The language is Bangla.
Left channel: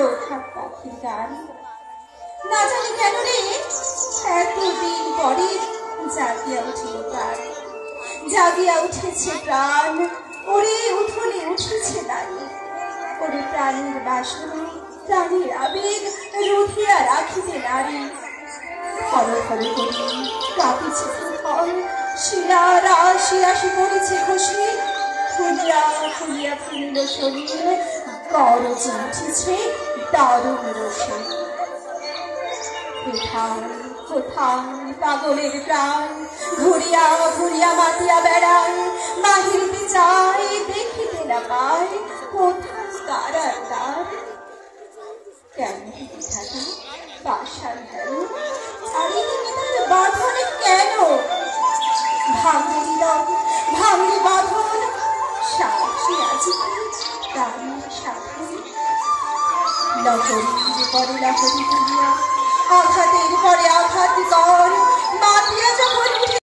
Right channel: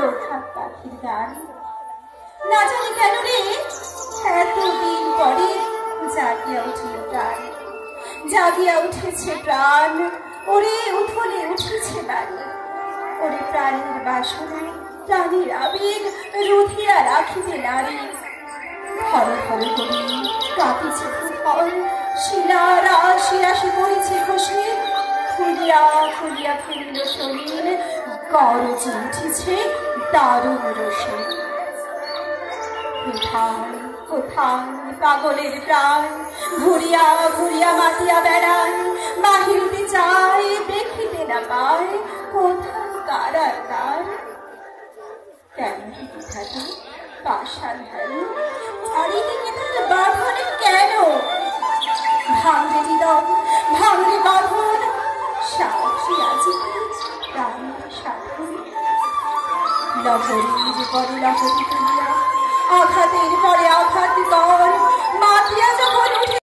প্রভাত পাখির গান। না জানি কেন রে এতদিন পরে জাগিয়া উঠিল প্রাণ, জাগিয়া উঠেছে প্রাণ। ওরে উঠোনে উঠেছে বাড়ি, ওরে প্রাণের বাসনা প্রাণের আবেগ রুধিয়া রাখিতে নারী। হর হর করি কাঁপিছে ফল, শিলার আসি আসি পড়েছে খসে, ফুলিয়া ফুলিয়া ফুলিল শরীর, গরজে উঠেছে দারুণ রসে। কোথায় কোথায় পাগলের প্রাণ ঘুরিয়া ঘুরিয়া মাতিয়া বেড়ায়, বাহিরতে চাই দেখিতে না পায় কোথায় কারার দ্বার। কেন হেঁটে থাকে পাষাণ ধারু, চারিদিকে তার বাঁধনে কেন? ভাঙরে হৃদয় ভাঙরে বাঁধন, সাহসী আজি প্রাণের সাধন। লহরী যে করে লহরী তুলিয়া, আঘাতের পরে আঘাত